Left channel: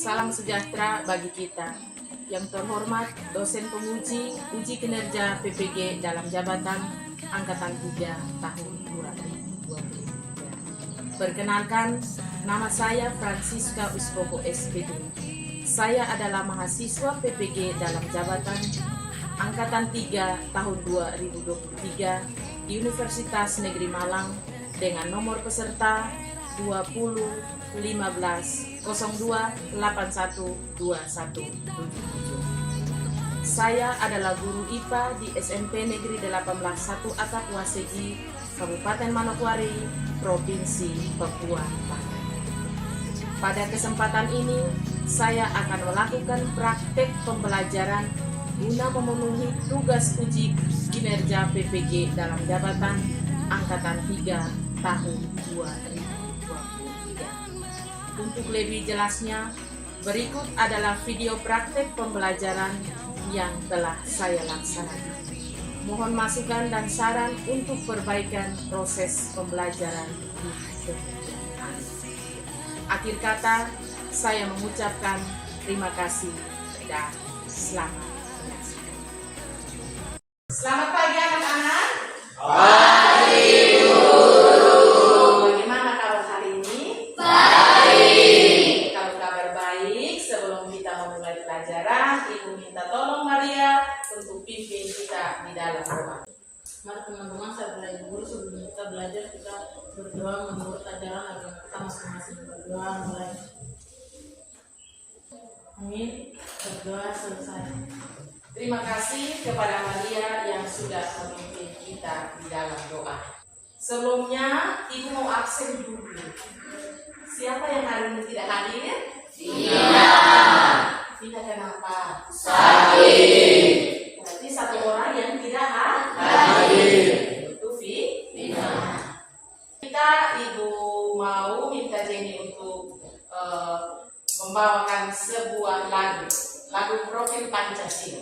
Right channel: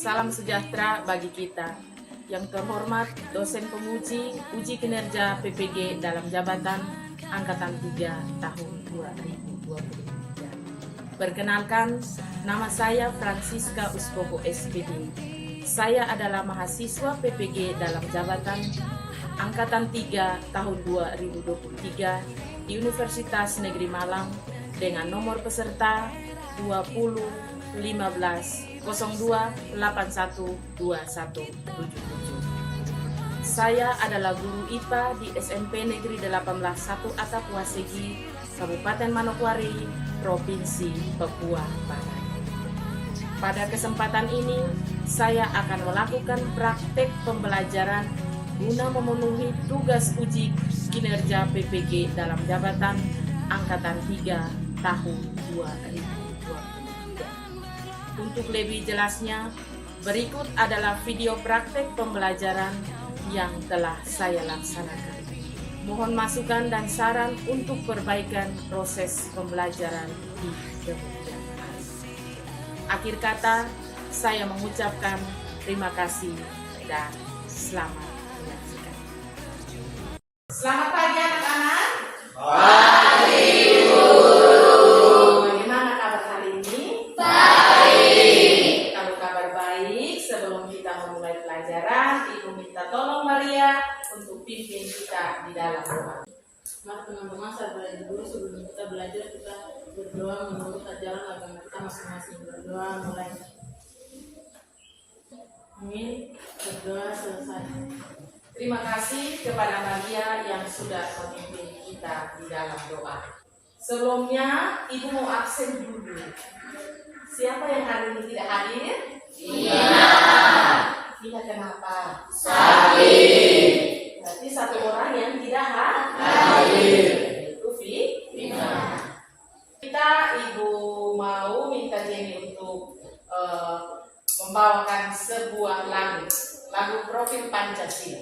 Salam sejahtera bagi kita. Yang terhormat dosen penguji uji kinerja PPG dalam jabatan Angkatan 3 tahun 2020. Perkenalkan, nama saya Francisca Uskobo SPD. Saya adalah mahasiswa PPG dalam jabatan Angkatan 3 tahun 2023 di Universitas Negeri Malang dengan nomor peserta 2015028121. Saya adalah guru IPA di SMP Negeri 181 Atap Wasegi, Kabupaten Manokwari, Provinsi Papua Barat. Pada kesempatan ini, saya akan melakukan praktek pembelajaran guna memenuhi tugas uji kinerja PPG dalam jabatan Angkatan 3 tahun 2020. Untuk lebih jelasnya, berikut adalah video praktek pembelajaran yang telah saya laksanakan. Mohon masukan dan saran untuk perbaikan proses pembelajaran ini. Akhir kata, saya mengucapkan terima kasih dan selamat. Selamat pagi anak-anak. Pagi Guru. Bagaimana kabar hari ini? baik. Kalau kabar baik, sebelum kita memulai pelajaran, Ibu minta tolong Maria untuk pimpin kita di dalam doa. Mari teman-teman, saya belajar dulu. Sebelum kita belajar, kita berdoa menurut ajaran agama kita masing-masing. Berdoa mulai. Amin. Berdoa selesai. Terima kasih kepada Maria yang sudah memimpin kita di dalam doa. Sebelumnya, Ibu mau absen dulu. Siapa yang hari ini tidak hadir? Iya. Tidak kenapa? Sakit. Berarti satu orang yang tidak Hadir. Itu Iya. Kita Ibu mau minta Jenny untuk membawakan sebuah lagu profil Pancasila.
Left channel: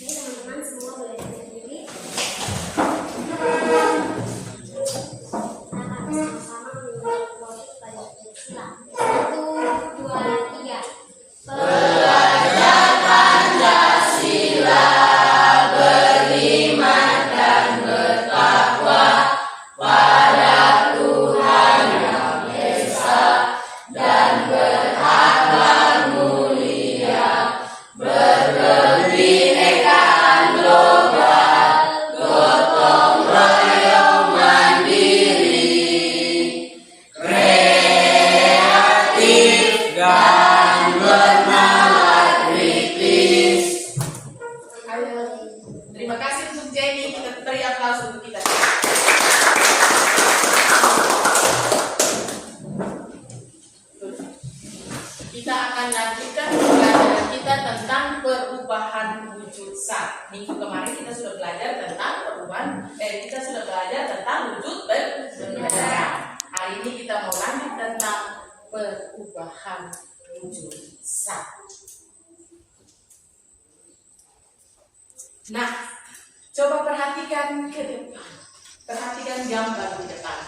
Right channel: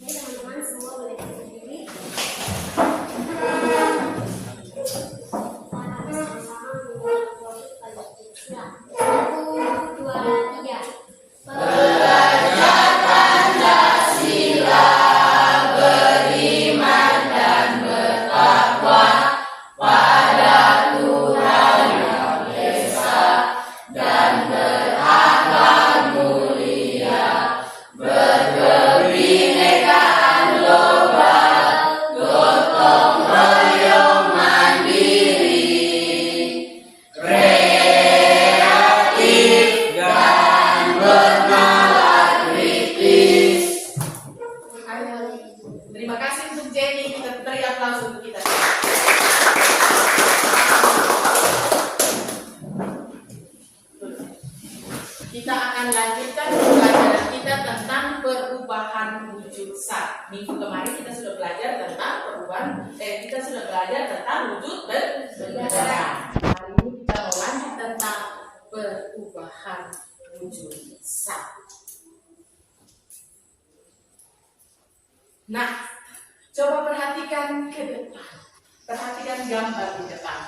Oke, teman-teman semua boleh berdiri. Kita akan bersama-sama membuat profil Pancasila. 1, 2, 3. Belajar Pancasila, beriman dan bertakwa pada Tuhan Yang Esa dan berakhlak mulia, berkebinekaan global, gotong royong mandiri, kreatif dan bernalar kritis. Terima kasih untuk Jenny. Kita beri aplaus untuk kita. Kita akan lanjutkan pembelajaran kita tentang perubahan wujud zat. Minggu kemarin kita sudah belajar tentang wujud benda. Hari ini kita mau lanjut tentang perubahan wujud zat. Nah, coba perhatikan ke depan. Perhatikan gambar di depan.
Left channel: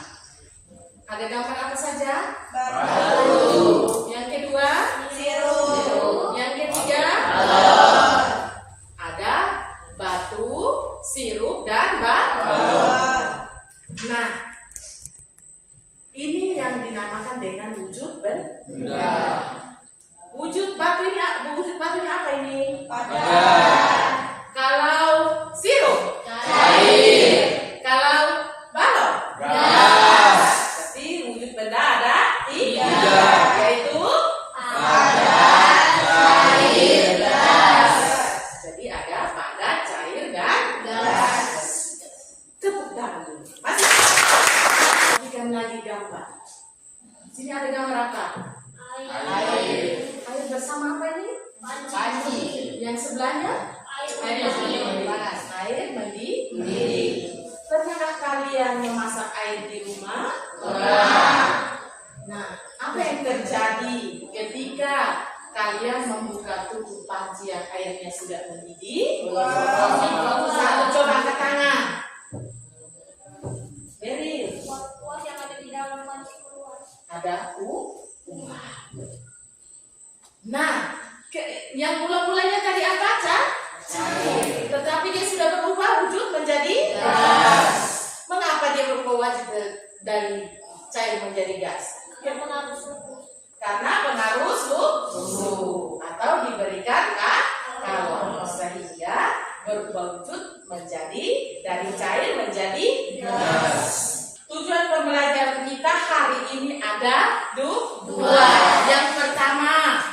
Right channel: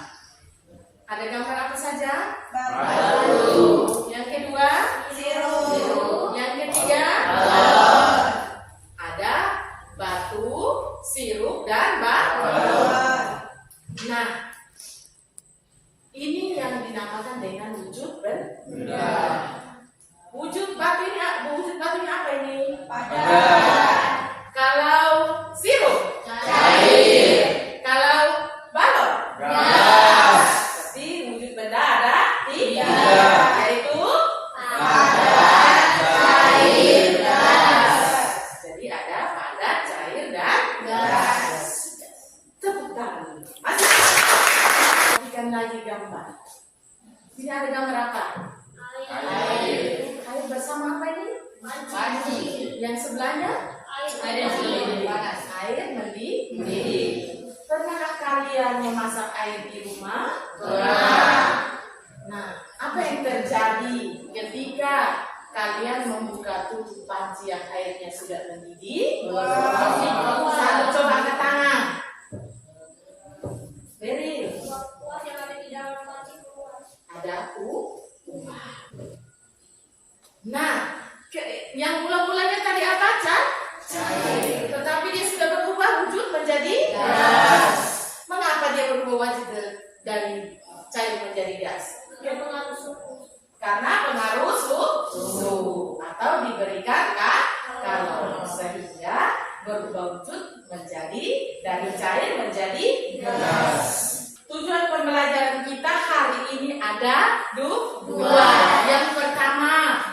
Ada gambar apa saja? Batu. Yang kedua, sirup. Yang ketiga, ada batu, sirup, dan balon. Nah, ini yang dinamakan dengan wujud benda. Wujud batunya apa ini? Padat. Kalau sirup, Cair. kalau balon, Gas. berarti wujud benda ada tiga, Tiga. yaitu Padat, cair, gas. jadi ada padat, cair, dan Gas. Tepuk tangan dulu. Masih. Perhatikan lagi gambar. Sini ada gambar apa? Air. Air bersama apa ini? Panci. Yang sebelahnya? Air yang mendidih. Panas. Air mendidih. Mendidih. Pernahkah kalian memasak air di rumah? Pernah. Nah, apa yang terjadi ketika kalian membuka tutup panci yang airnya sudah mendidih? Wow. Coba angkat tangan. ada uang. Nah, yang mula-mulanya tadi apa, Cak? Cair. Tetapi dia sudah berubah wujud menjadi gas. Mengapa dia berubah wujud dari cair menjadi gas? Karena pengaruh suhu atau diberikan kalori sehingga berubah wujud menjadi dari cair menjadi gas. Tujuan pembelajaran kita hari ini ada dua. Yang pertama,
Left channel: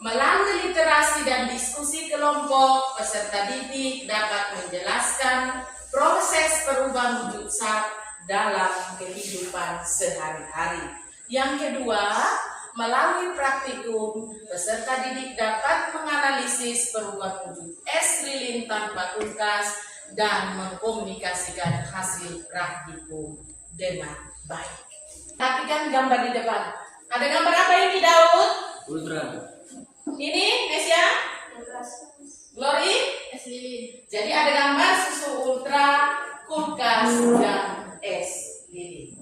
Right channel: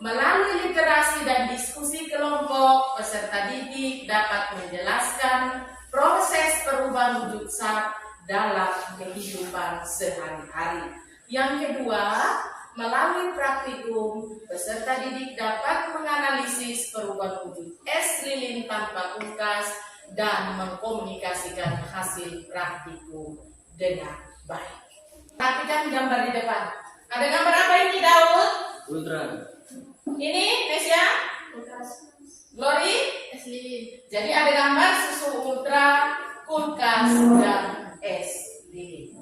melalui literasi dan diskusi kelompok, peserta didik dapat menjelaskan proses perubahan wujud zat dalam kehidupan sehari-hari. Yang kedua, melalui praktikum, peserta didik dapat menganalisis perubahan wujud es lilin tanpa kulkas dan mengkomunikasikan hasil praktikum dengan baik. Perhatikan gambar di depan. Ada gambar apa ini, Daud? Ultra. Ini, Nesia? Glory? Es lilin. Jadi ada gambar susu ultra, kulkas, dan es lilin.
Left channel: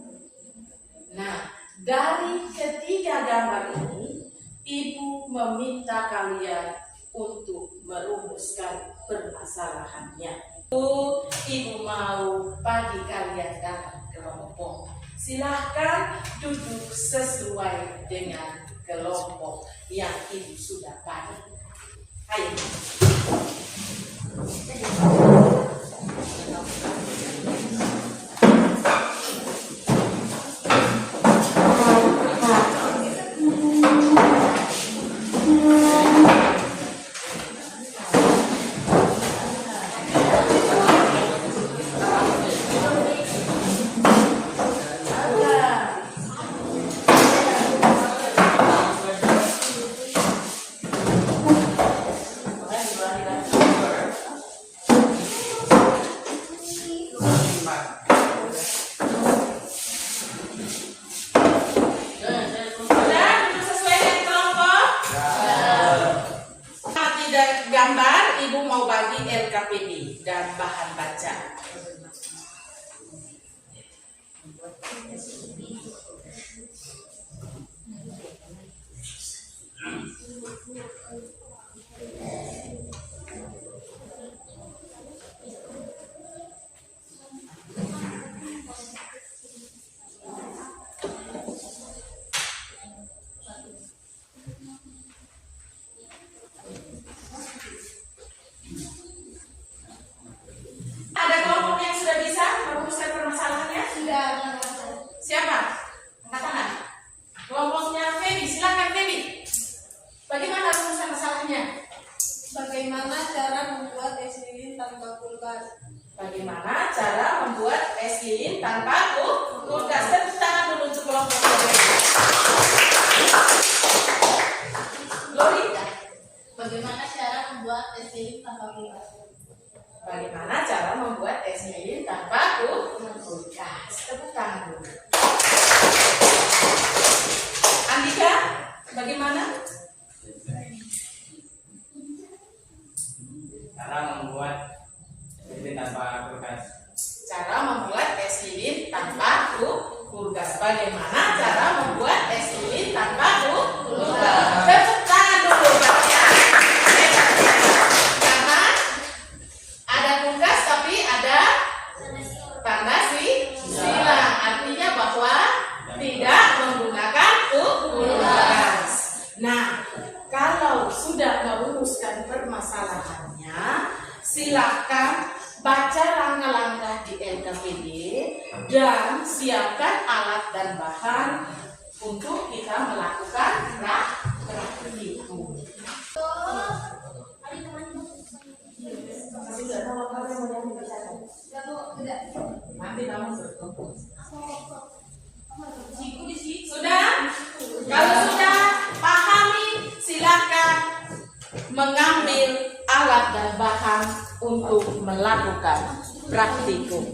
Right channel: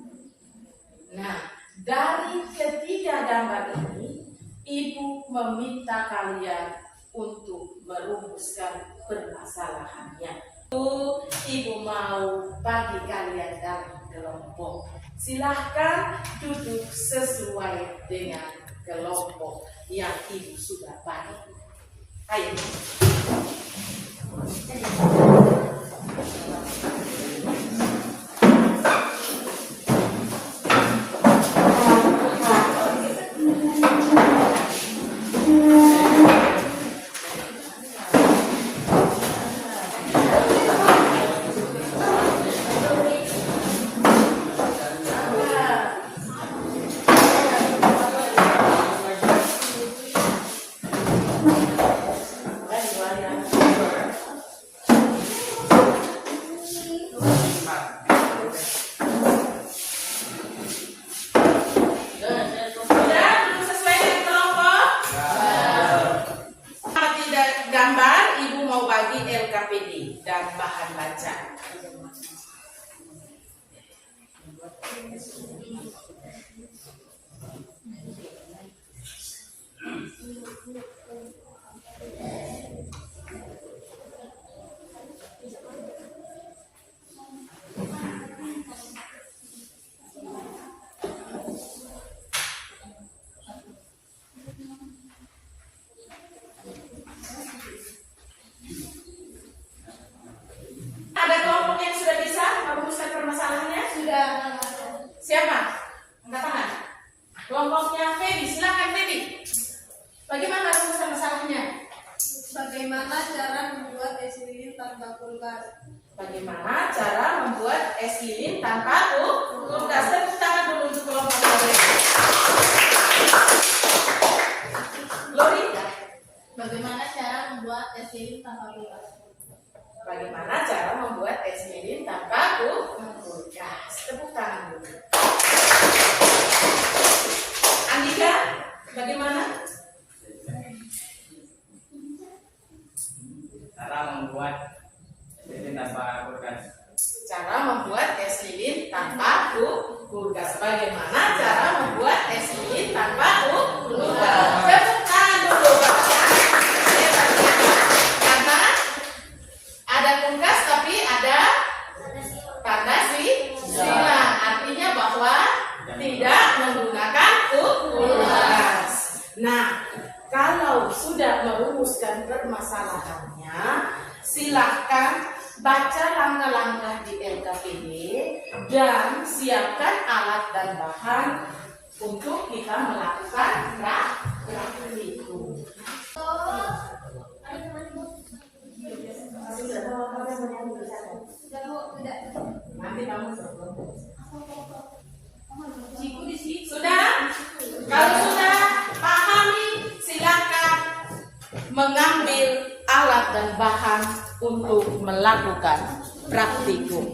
Nah, dari ketiga gambar ini, Ibu meminta kalian untuk merumuskan permasalahannya. Ibu mau bagi kalian dalam kelompok. Silahkan duduk sesuai dengan kelompok yang Ibu sudah bagi. Ayo. Gambar, Ibu mau bagi LKPD dan bahan baca. Ada kelompok yang sudah bisa merumuskan permasalahannya? Sudah. Siapa? Angkat tangan. Kelompoknya Feby, silakan Feby. Bagaimana rumuskan masalahnya? Bagaimana cara membuat es lilin tanpa kulkas? Bagaimana cara membuat es lilin tanpa kulkas? Tepuk tangan dulu untuk kelompok Feby. Glory. Bagaimana cara membuat es lilin tanpa kulkas? Bagaimana cara membuat es lilin tanpa kulkas? Tepuk tangan dulu. Andika, bagaimana? Cara membuat lilin tanpa kulkas. Cara membuat es lilin tanpa kulkas. Bagaimana cara membuat es lilin tanpa kulkas? Tepuk tangan dulu katanya. Karena ada kulkas tapi ada tanda silang. Artinya bahwa tidak menggunakan kulkas. Nah, kalau sudah merumuskan permasalahannya, silakan baca langkah-langkah di LKPD dan siapkan alat dan bahan untuk kita melakukan praktikum. Nanti kamu sudah? Kalau sudah pahami, silakan mengambil alat dan bahan untuk melakukan praktikum.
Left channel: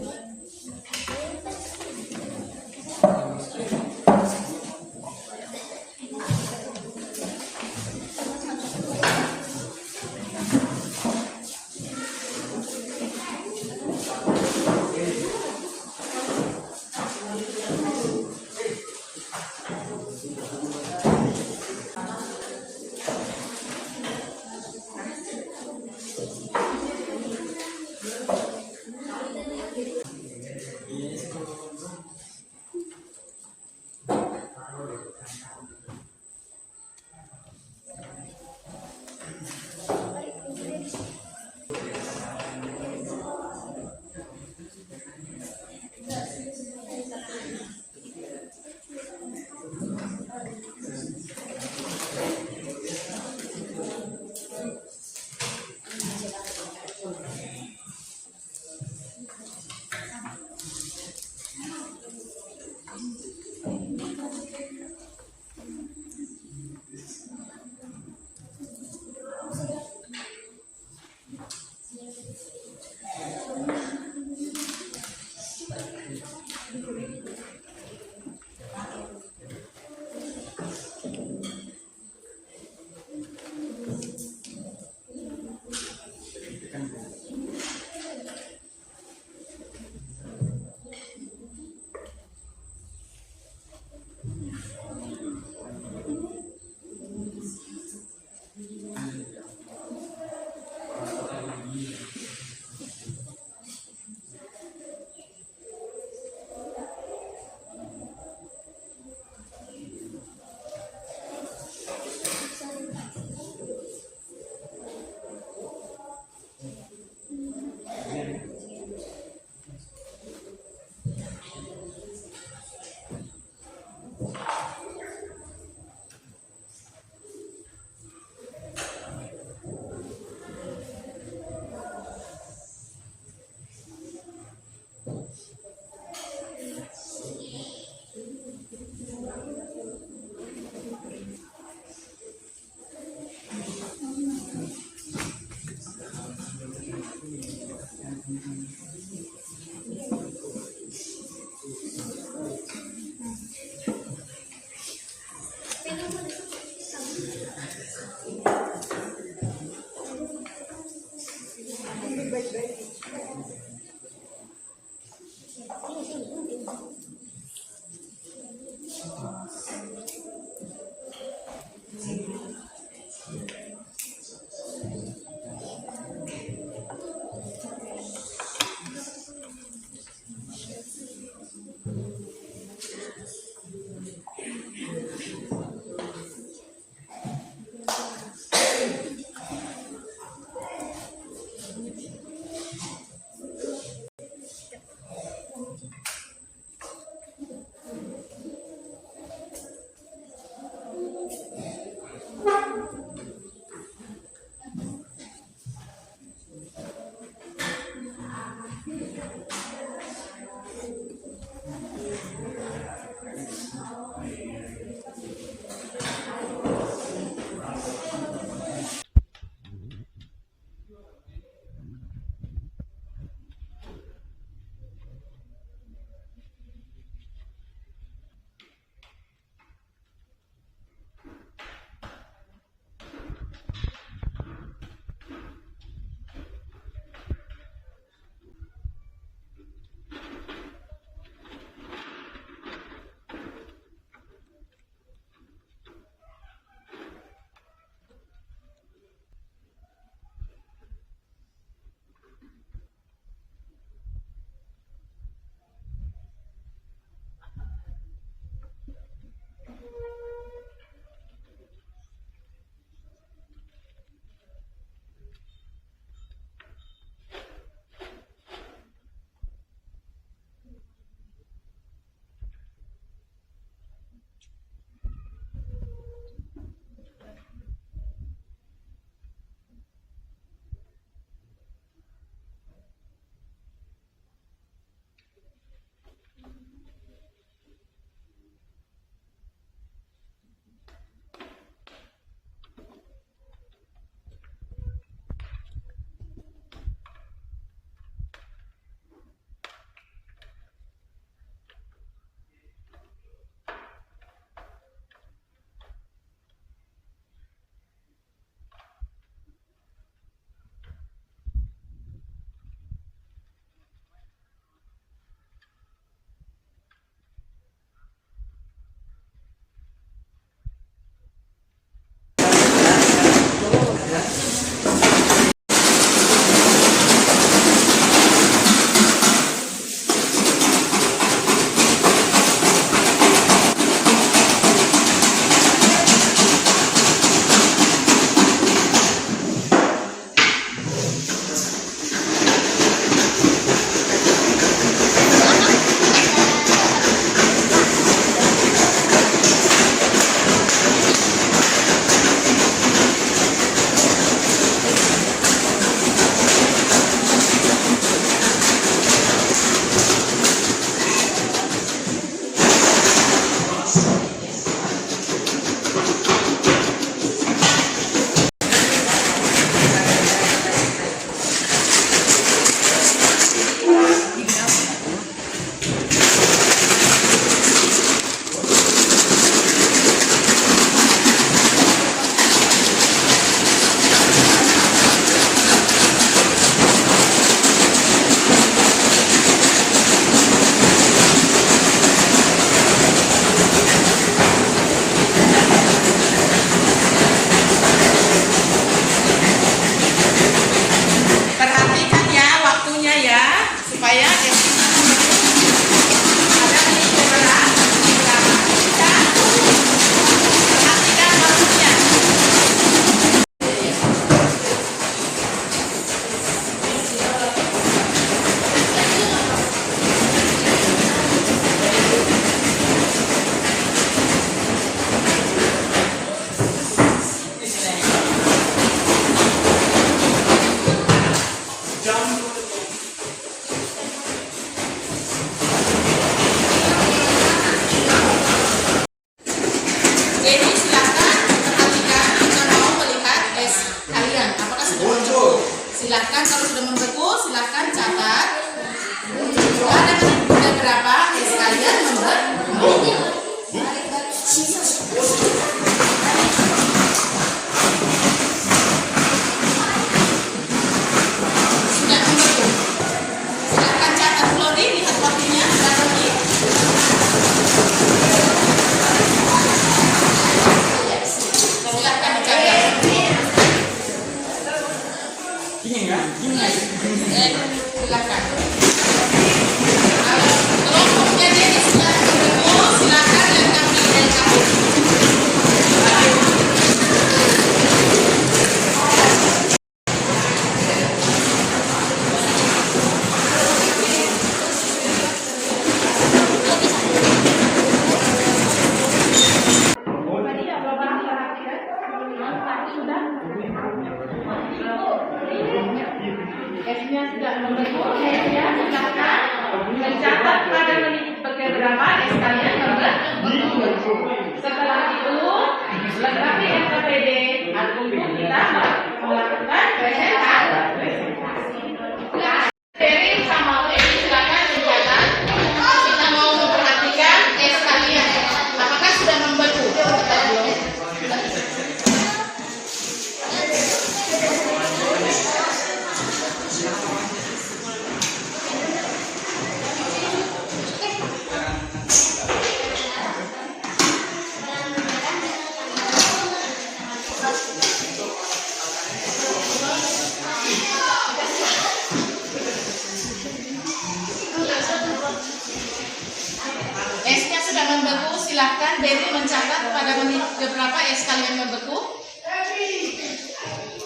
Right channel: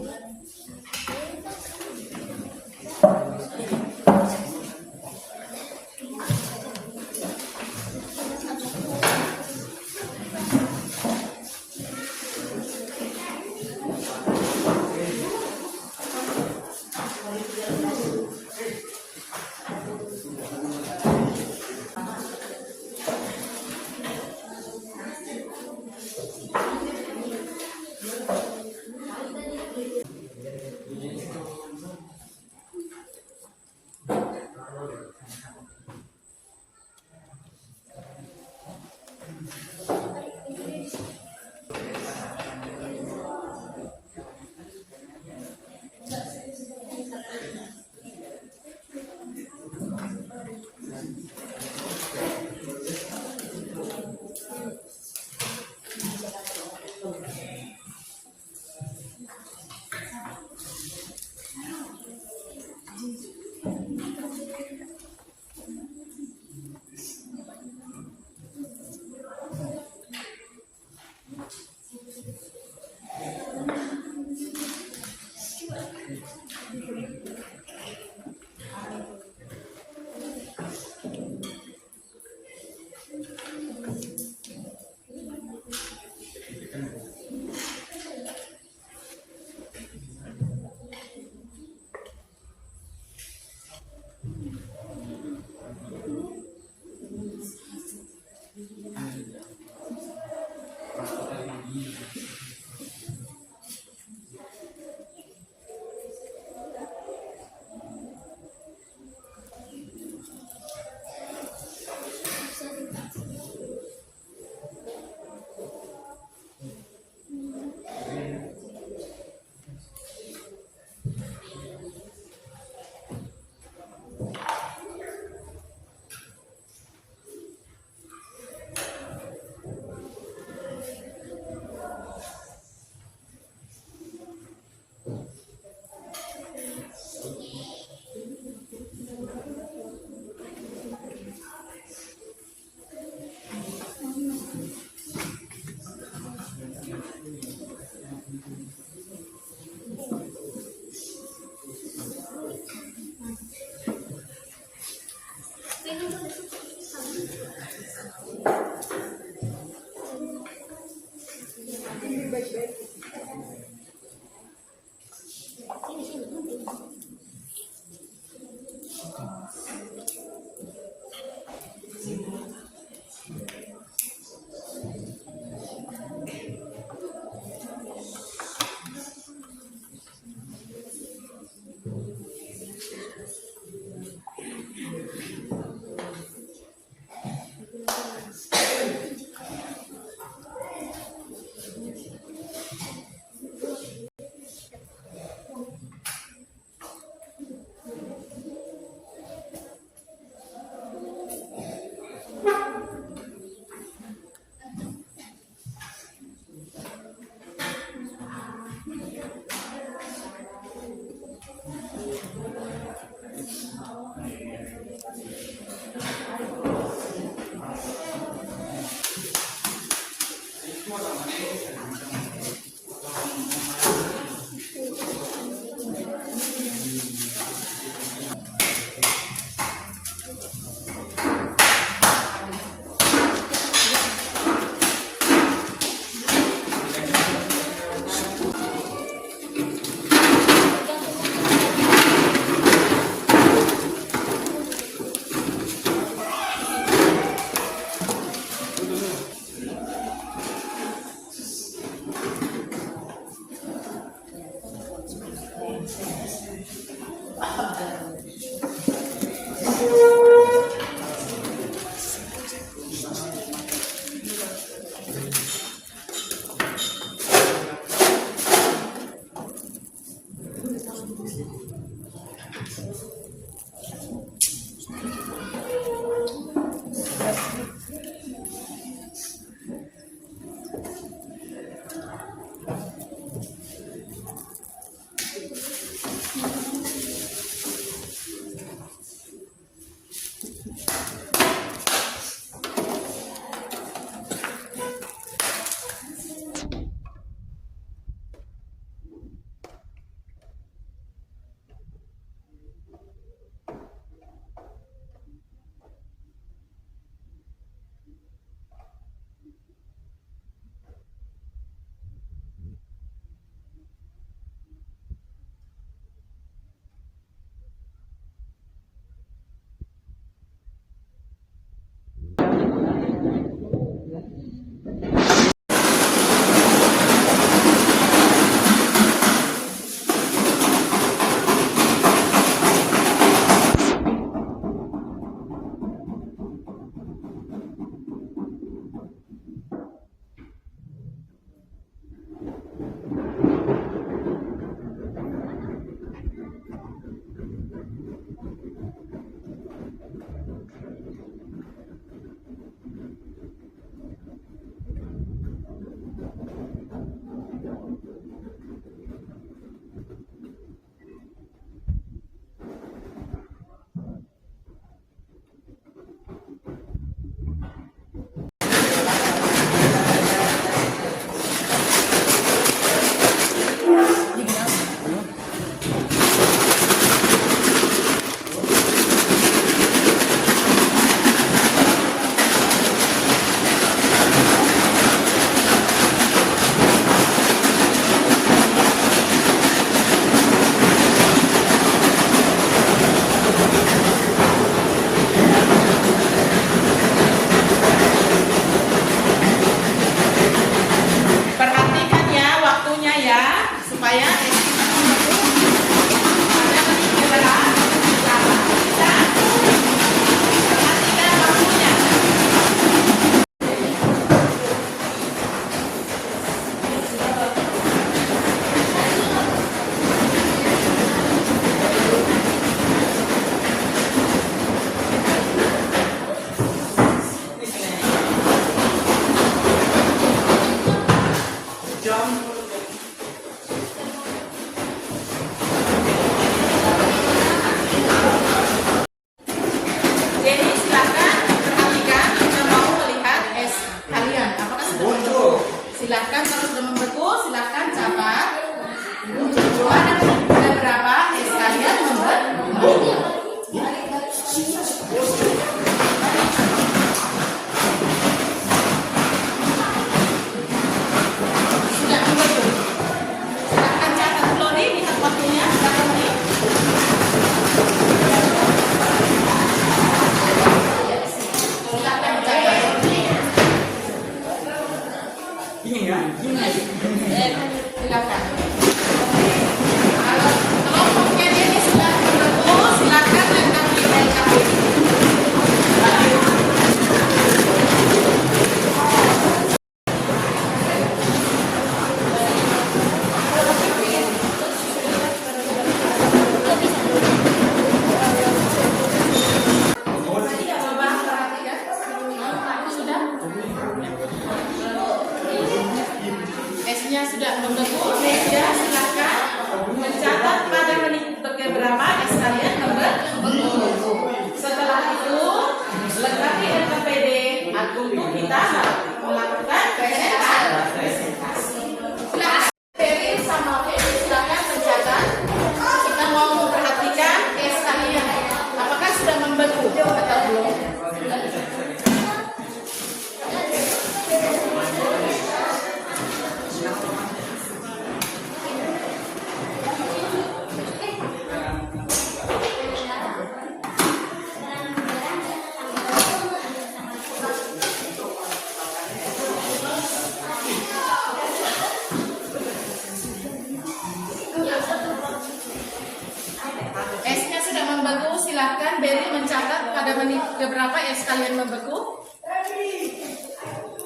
membeku, silahkan Berry mencatat pada menit berapa es kalian membeku.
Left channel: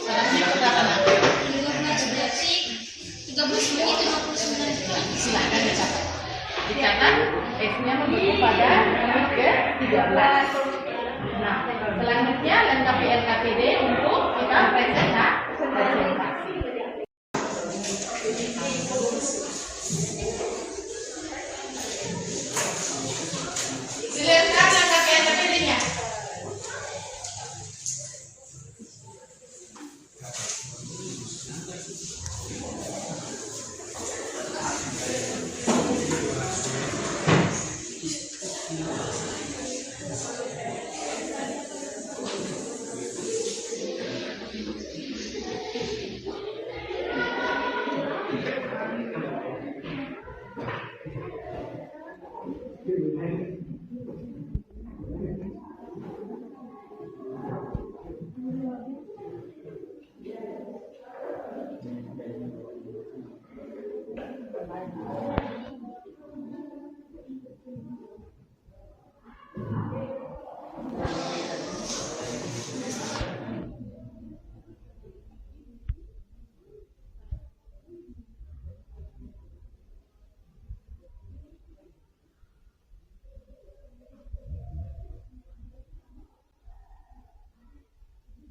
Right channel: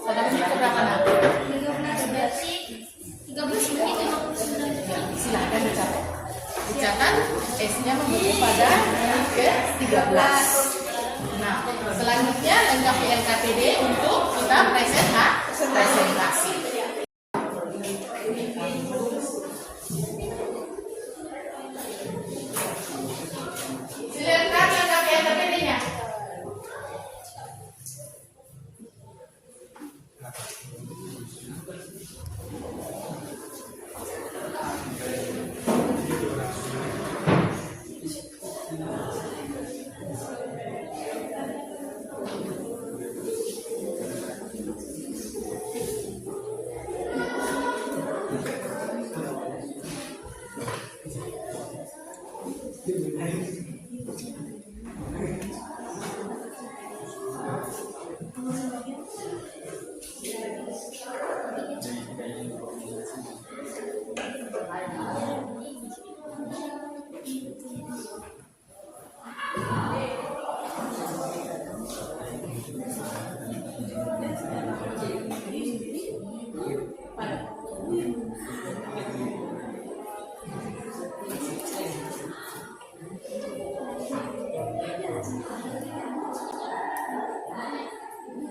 Pada menit berapa nanti? 13 menit 59 detik. Silahkan dicatat. Dicatat esnya membeku pada menit ke-13. Nah, selanjutnya lengkapi LKPD untuk kita presentasi. Silakan lengkapi LKPD-nya.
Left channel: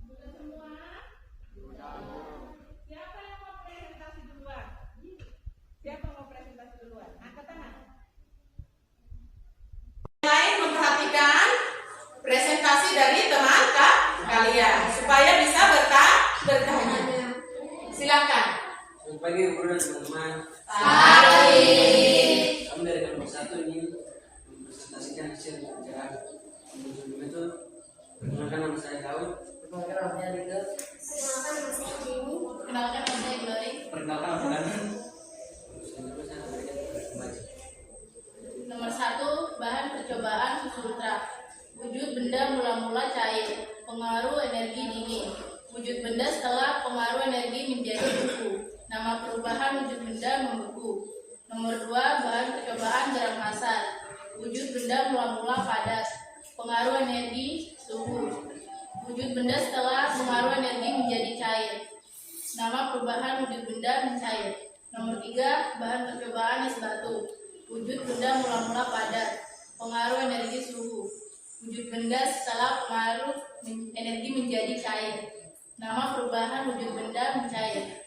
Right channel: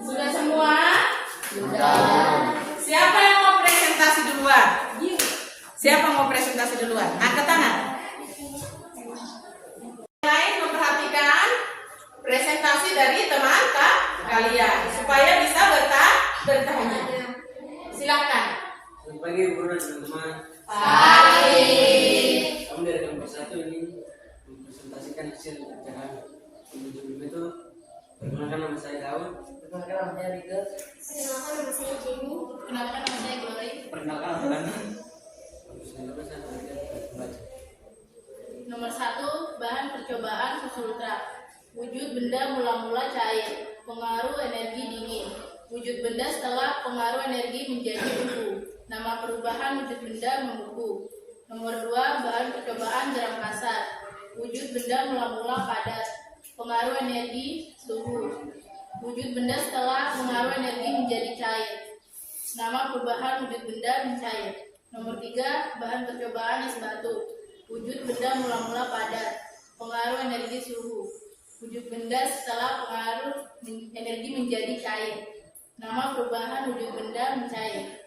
Sudah semua? Sudah. Siapa yang mau presentasi duluan? Siapa mau presentasi duluan? Angkat tangan. Yang lain memperhatikan presentasi dari teman kalian supaya bisa bertanya. Silakan. Selamat pagi guru dan teman-teman. Pagi. Kami dari kelompok 1 ini mempresentasikan hasil kerjaan sebelum itu. Perkenalkan nama saya Daud. Perkenalkan nama saya Jenny. Kenalkan nama saya Glory. Perkenalkan nama saya baca. Nomor 1, bahan percobaan susu ultra. Wujud benda mula-mula cair, pengaruh energi dingin. Wujud benda setelah pengaruh energi menjadi beku. Nama perubahan wujud benda membeku. Nomor 2, bahan percobaan garam kasar. Wujud benda mula-mula padat, pengaruh energi suhu. Wujud benda setelah pengaruh energi menjadi cair. Nama perubahan wujud benda mencair. Nomor 3, bahan percobaan es batu. Wujud benda mula-mula padat, pengaruh energi suhu. Wujud benda setelah pengaruh energi menjadi cair. Nama perubahan wujud benda mencair.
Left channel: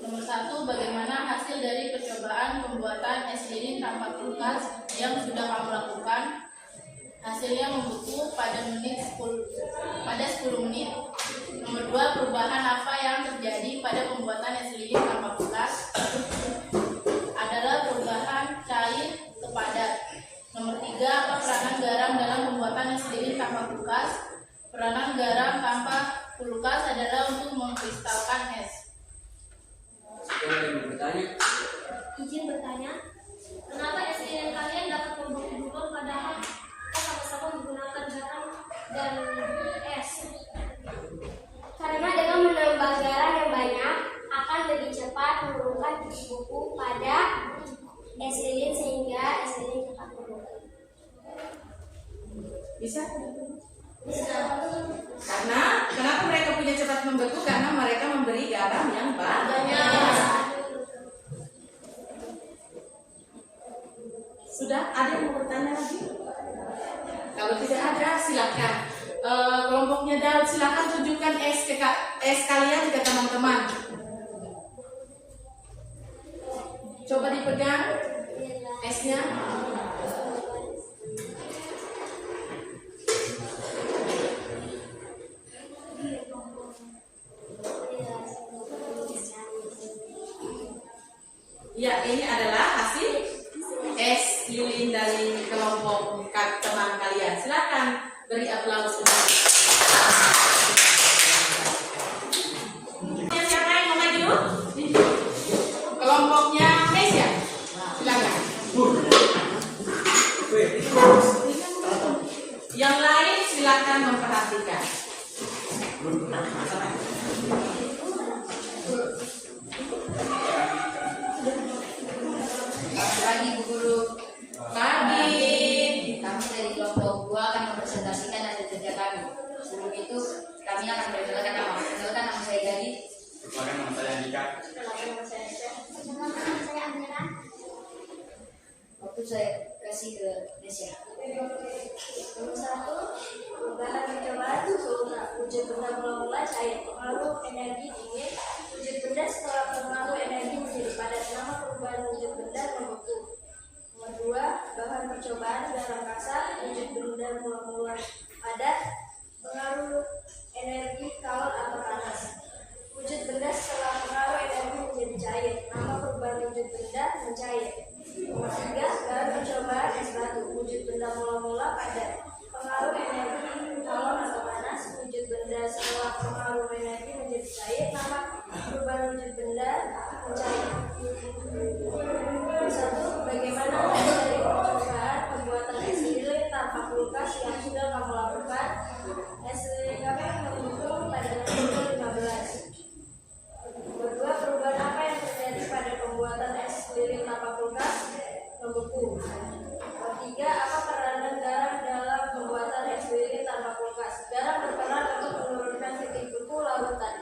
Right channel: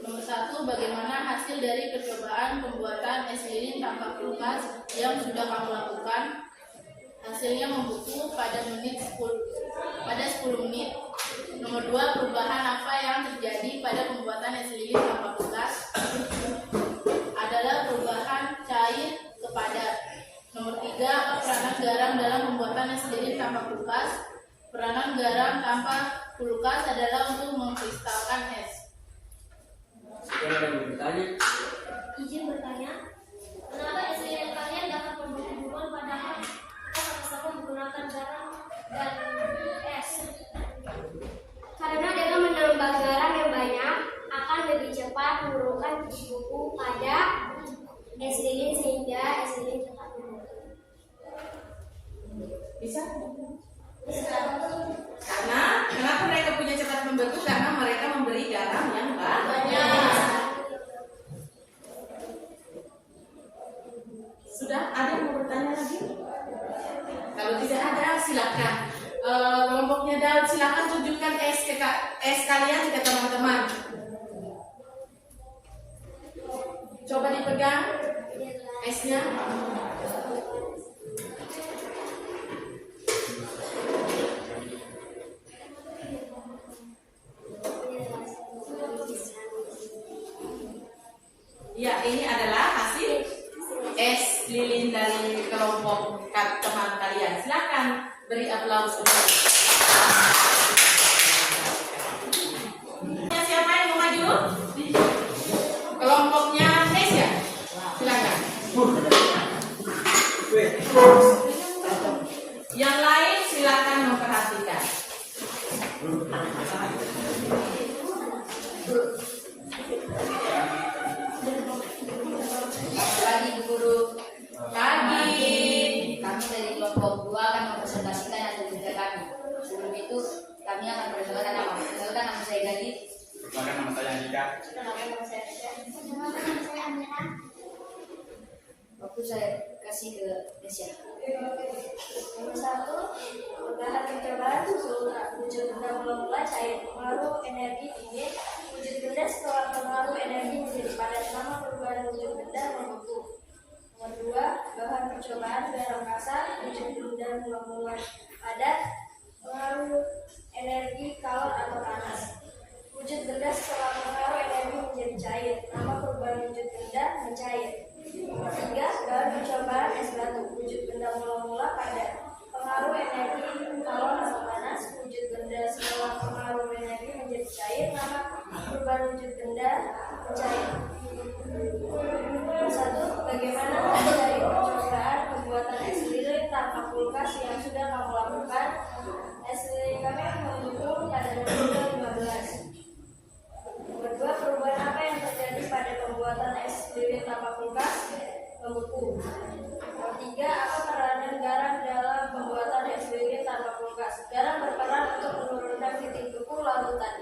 Nomor 1, bagaimana hasil dari percobaan pembuatan es lilin tanpa kulkas yang sudah kamu lakukan? Hasilnya membeku pada 10 menit. Nomor 2, perubahan apa yang terjadi pada pembuatan es lilin tanpa kulkas? Adalah perubahan cair ke padat. Nomor 3, apa peranan garam dalam pembuatan es lilin tanpa kulkas? Peranan garam tanpa kulkas adalah untuk mengkristalkan es. Sekarang kami bertanya. Izin bertanya, kenapa es lilin kalian dapat membeku duluan padahal kita sama-sama menggunakan garam dan es? Karena dengan menambah garam yang banyak akan lebih cepat menurunkan beku pada es lilin sehingga es lilin cepat membeku. Bisa? Bisa. Karena kenapa mereka punya cepat membeku? Karena mereka memberi garam yang banyak. Sudah ada yang mau bertanya lagi? Kalau tidak ada, silakan. Kelompoknya Daud, silakan tunjukkan es kalian ke teman-teman. Coba dipegang esnya. Ya, ini adalah hasil es lilin dari kelompok teman kalian. Silakan beri aplaus untuk. Siapa yang mau maju? Kelompoknya Mesia. Silakan. Yang lain silakan memperhatikan. Lagi guru. Pagi. Kami dari itu kami akan perkenalkan nama. Perkenalkan nama saya Gadi. Perkenalkan nama saya Andika. Perkenalkan nama saya Amira. Waktu saya kasih ke Nesya. Nomor 1, bahan percobaan wujud benda mula-mula cair, pengaruh energi dingin, wujud benda setelah pengaruh energi menjadi padat, nama perubahan wujud benda membentuk. Nomor 2, bahan percobaan garam kasar, wujud benda mula-mula padat, pengaruh energi kalor atau panas. Wujud benda setelah pengaruh energi menjadi cair, nama perubahan wujud benda mencair. Nomor 3, bahan percobaan es batu, wujud benda mula-mula padat, pengaruh energi kalor atau panas. Wujud benda setelah pengaruh energi menjadi cair, nama perubahan wujud benda mencair. Nomor 1, bagaimana dari percobaan pembuatan es lilin tanpa kulkas yang sudah kamu lakukan? Es lilin kami mendukung pada nomor 15. Nomor 2, perubahan apa yang terjadi pada pembuatan es lilin tanpa kulkas? Membeku. Nomor 3, apa peranan garam dalam pembuatan es lilin tanpa kulkas? Garam berperan untuk menurunkan titik beku larutan.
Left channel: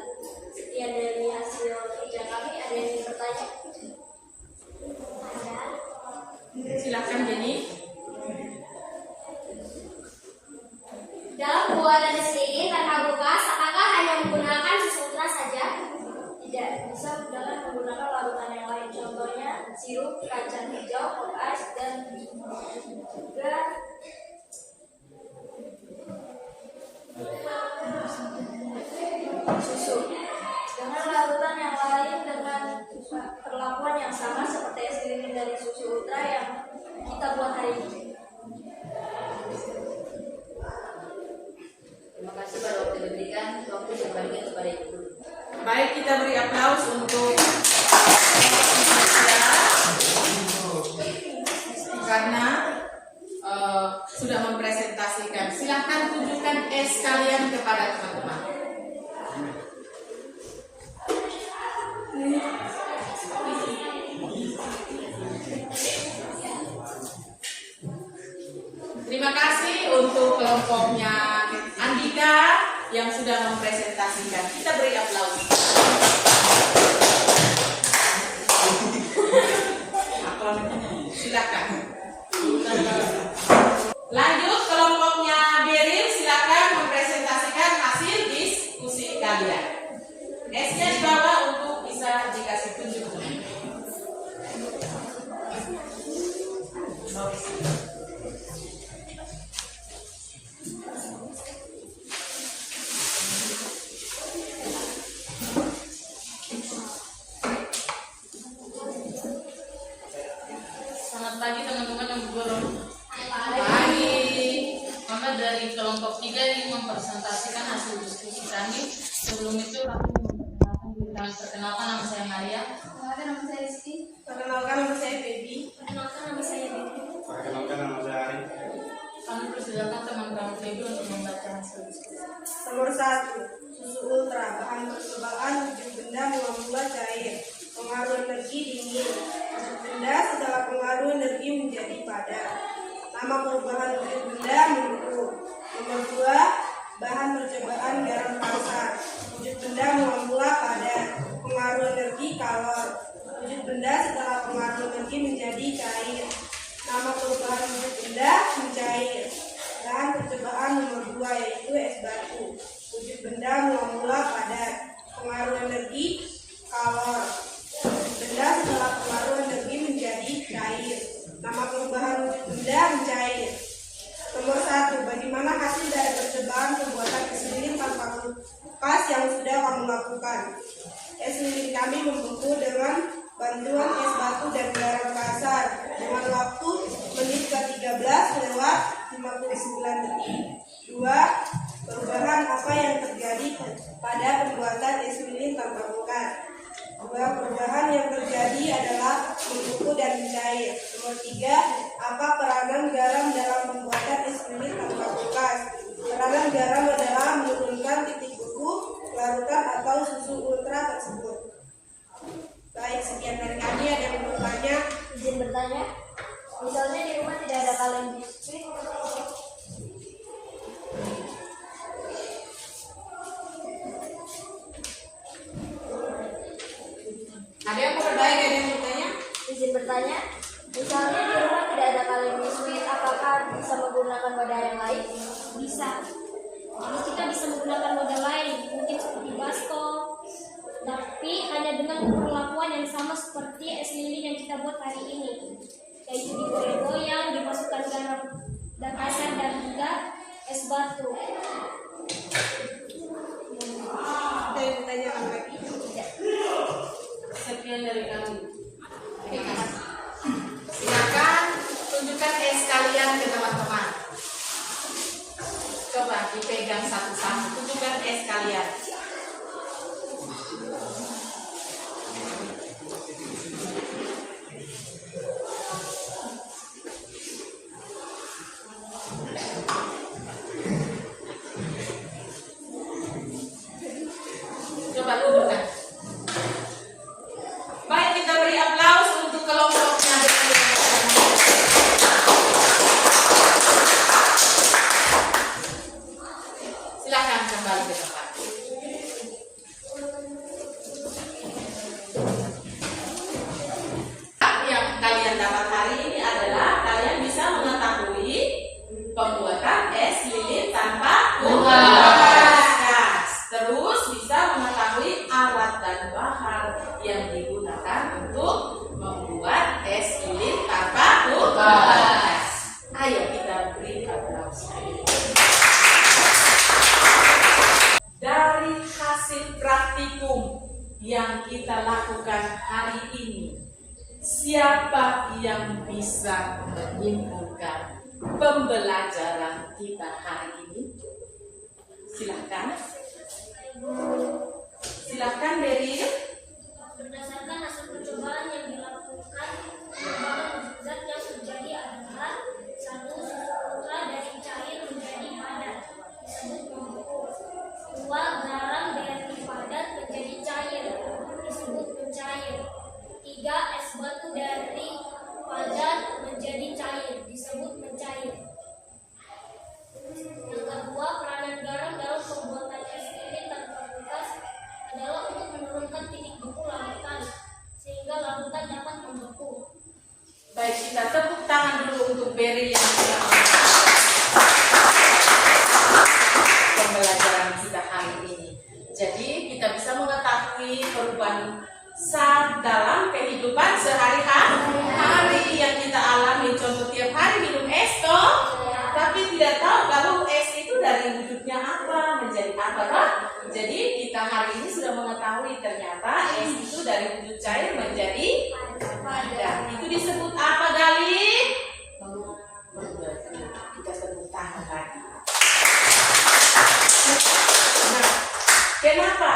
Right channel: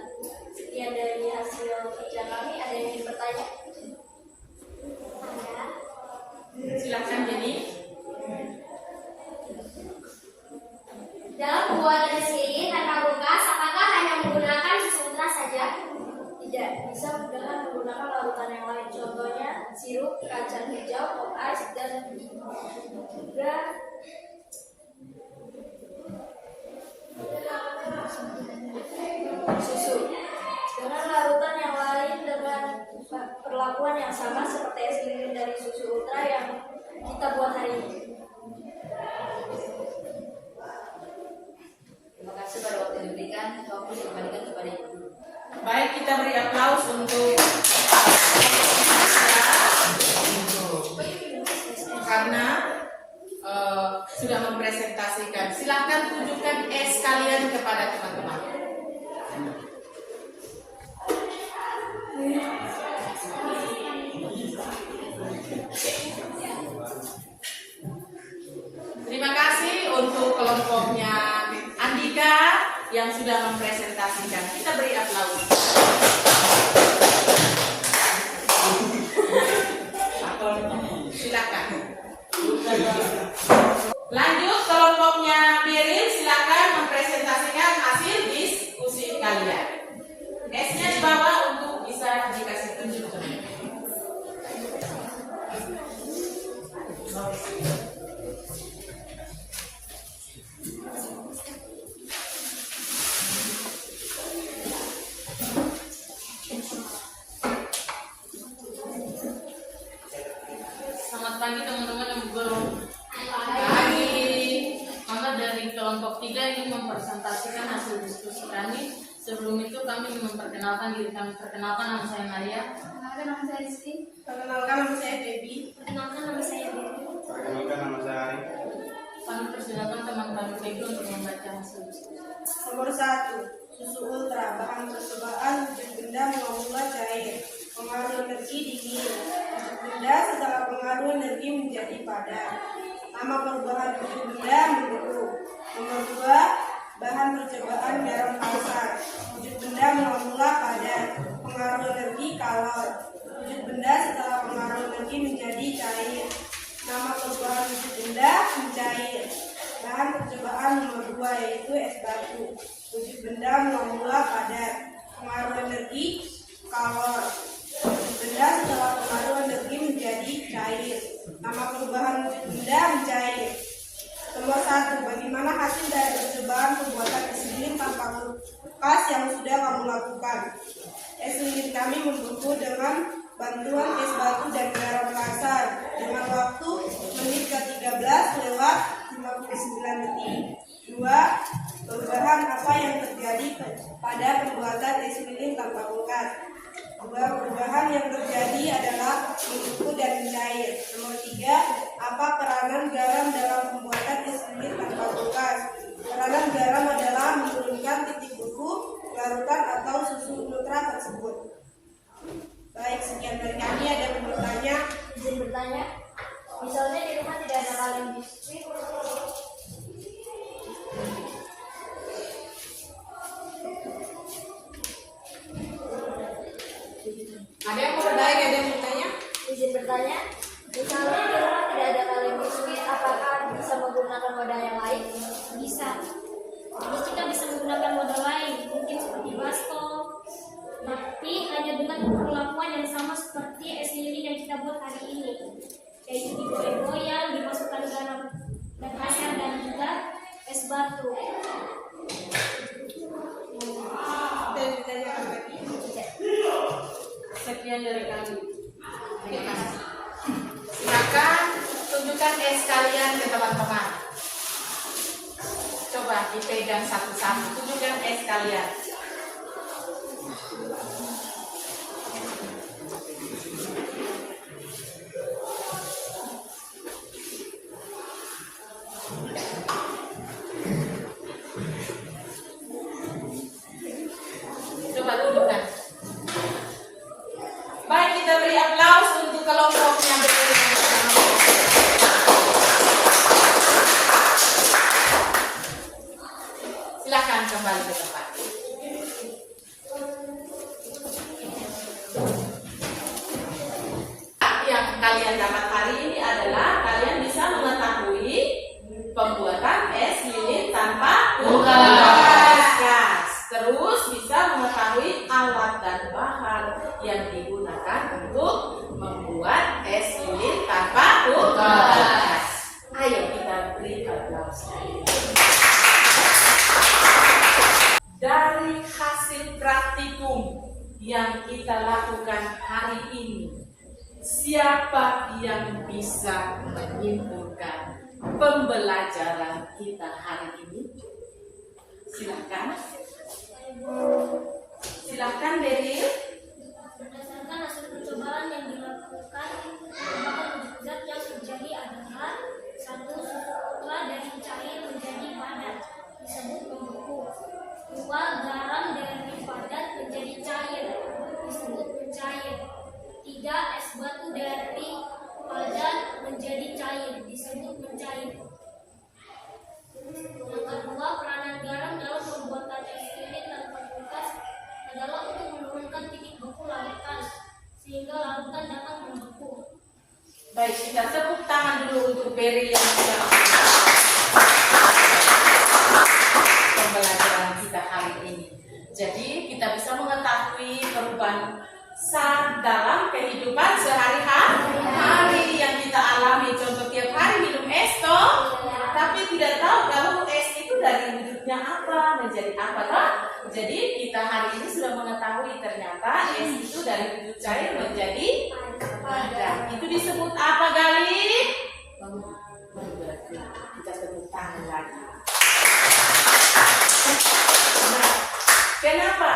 Sekian dari hasil kerja kami. Ada yang ingin bertanya? Silahkan Jenny. Dalam pembuatan es lilin tanpa kulkas, apakah hanya menggunakan susu ultra saja? Tidak, bisa dengan menggunakan larutan yang lain. Contohnya sirup, kacang hijau, pop ice, dan juga susu. Dengan larutan yang lain dengan perlakuan yang sama seperti es lilin dari susu ultra yang kita buat hari ini. Terima kasih pada waktu diberikan. Waktu dikembalikan kepada Ibu. Baik, kita beri aplaus untuk karena sudah mempresentasikan. Silahkan tunjukkan es kalian kepada teman-teman. Terima kasih untuk kelompoknya Andika yang sudah mempresentasikan. Kita beri aplaus. Silakan. Lanjut kelompoknya Beril, silakan mempresentasikan hasil diskusi kalian. S-nya dibawa untuk bisa dikasih tunjuk. Selamat pagi teman-teman yang pagi. Maka dari kelompok 3 ini mempresentasikan hasil diskusi kami. Sebelum itu kami memperkenalkan diri kami. Perkenalkan, nama saya Maria. Perkenalkan nama saya Rizky. Perkenalkan, nama saya Baby. Perkenalkan nama saya Dewi. Perkenalkan nama saya Ari. Kami persilakan teman-teman Baby untuk membaca hasil diskusi. Nomor 1, susu ultra, bahan percobaan wujud benda mula-mula cair, pengaruh energi dingin, wujud benda setelah pengaruh energi menjadi padat. Nama perubahan wujud benda membeku. Nomor 2, bahan percobaan garam kasar, wujud benda mula-mula padat, pengaruh energi kalor. Wujud benda setelah pengaruh energi menjadi cair. Nama perubahan wujud benda mencair. Bahan percobaan nomor 2 yaitu es batu. Wujud benda mula-mula padat, pengaruh energi kalor. Wujud benda setelah pengaruh energi menjadi cair. Nama perubahan wujud benda mencair. Nomor 1, bagaimana hasil dari percobaan pembuatan es lilin tanpa kulkas yang sudah kamu lakukan? Es lilin kami membeku dengan bantuan es batu dan garam kasar dengan waktu menit ke-13 lewat 59 detik. 2. Perubahan apa yang terjadi pada pembuatan es lilin tanpa kulkas? Perubahan yang terjadi adalah membeku dan mencair. Nomor 3. Apa peranan garam dalam pembuatan es lilin tanpa kulkas? Peranan garam adalah menurunkan titik beku larutan atau susu ultra tersebut. Baik, sekian dari kami. Ada yang bertanya? Izin bertanya, misalnya di rumah tidak ada kaleng biskuit, dipegang satu-satu. Tunjukkan S kalian. Coba tunjukkan. Baik, kita beri aplaus untuk kelompoknya. Silakan kembali ke tempat. Yang kalian dapat hari ini adalah kalian bisa mengetahui pembuatan es lilin tanpa gas. Terus bisa mengetahui alat dan bahan yang digunakan untuk membuat es lilin tanpa gas. Ayo kita beri aplaus. Dari hasil praktikum yang kita lakukan hari ini, siapa yang bisa menyimpulkan pembelajaran kita hari ini? Silakan. Silakan Beril. Berdasarkan hasil percobaan yang dilakukan, beberapa zat yang terjadi adalah: satu, susu ultra dari cair menjadi padat disebut membeku. Dua, garam dari padat menjadi cair disebut mencair. Tiga, es batu dari padat menjadi cair disebut mencair. Yang kedua, peranan garam dalam pembuatan es lilin tanpa gas adalah untuk menurunkan titik beku larutan sehingga larutan dapat membeku. Baik, kita tepuk tangan dulu untuk Beril yang sudah pembelajaran kita hari ini. Jadi kita bisa mengetahui perubahan dalam kehidupan sehari-hari yang kita alami. Contoh tiap hari minum es toh, tapi tidak tahu kalau es itu dari wujudnya apa, menjadi apa kan? Jadi kita hari ini sudah mengetahui ternyata es itu dari wujud cair menjadi padat. Itu disebut apa, Gali? Membeku. Kita tepuk tangan lagi. Nah, kenapa?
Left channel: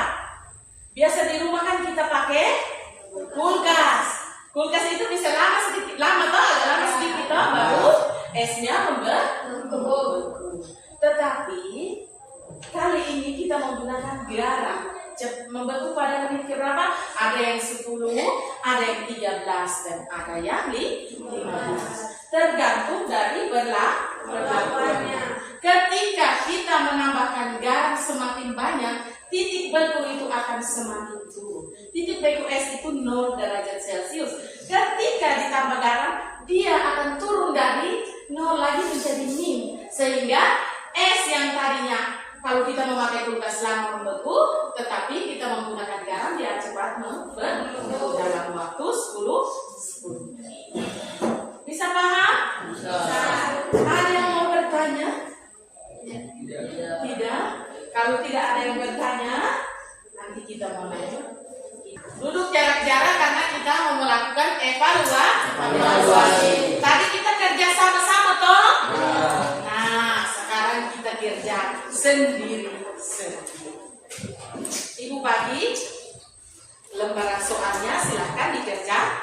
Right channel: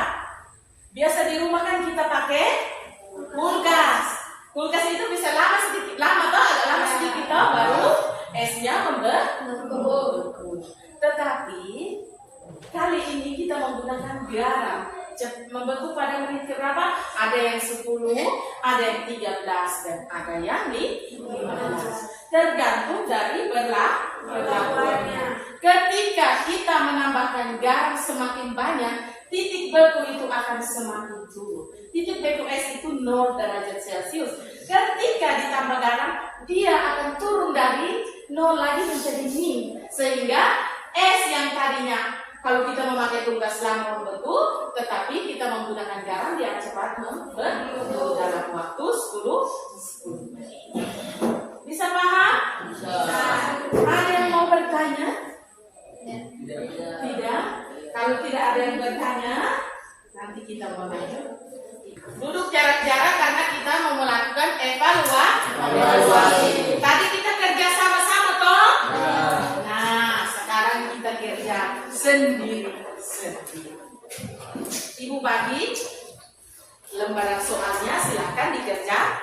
Biasa di rumah kan kita pakai kulkas. Kulkas itu bisa lama sedikit, agak lama sedikit toh, baru esnya membeku. Tetapi kali ini kita menggunakan garam. Membeku pada menit berapa? Ada yang 10, ada yang 13, dan ada yang 15. Tergantung dari berlakuannya. Ketika kita menambahkan garam semakin banyak, titik beku itu akan semakin turun. Titik beku es itu 0 derajat Celcius. Ketika ditambah garam, dia akan turun dari 0 lagi menjadi min. Sehingga es yang tadinya kalau kita memakai kulkas lama membeku, tetapi kita menggunakan garam, dia cepat membeku dalam waktu 10 menit. Bisa paham? Bisa. Ada yang mau bertanya? Tidak? Kalau tidak ada yang bertanya, nanti kita mau lanjut. Duduk jarak-jarak karena kita mau melakukan evaluasi. Tadi kita kerja sama-sama toh? Nah, sekarang kita kerja sendiri-sendiri. Ibu bagi lembaran soalnya, silahkan dikerja.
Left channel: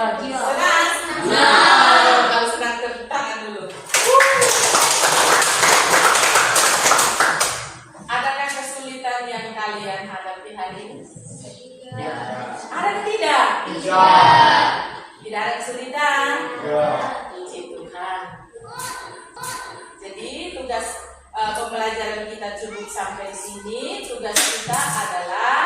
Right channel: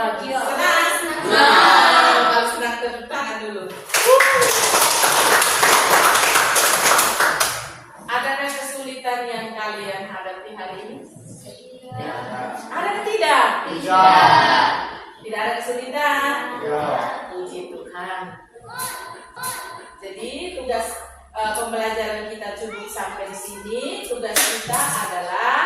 Senang. Kalau senang tepuk tangan dulu. Adakah kesulitan yang kalian hadapi hari ini? Ada atau tidak? Tidak ada kesulitan. Puji Tuhan. Jadi tugas pembelajaran kita cukup sampai di sini. Tugas kita adalah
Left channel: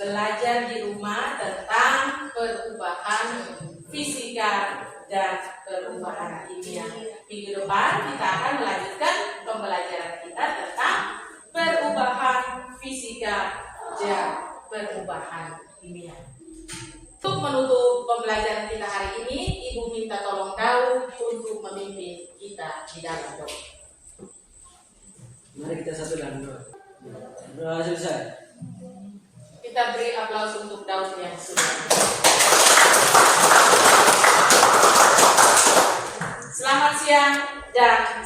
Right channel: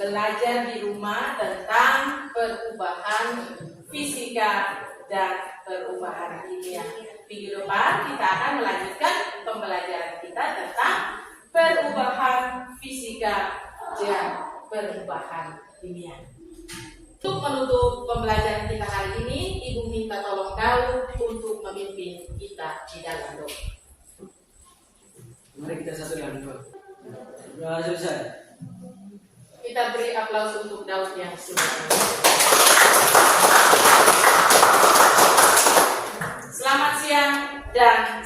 belajar di rumah tentang perubahan fisika dan perubahan kimia. Minggu depan kita akan melanjutkan pembelajaran kita tentang perubahan fisika dan perubahan kimia. Untuk menutup pembelajaran kita hari ini, Ibu minta tolong Daud untuk memimpin kita di dalam doa. Mari kita satu dalam doa. Doa selesai. Kita beri aplaus untuk Daud yang sudah. Selamat siang dan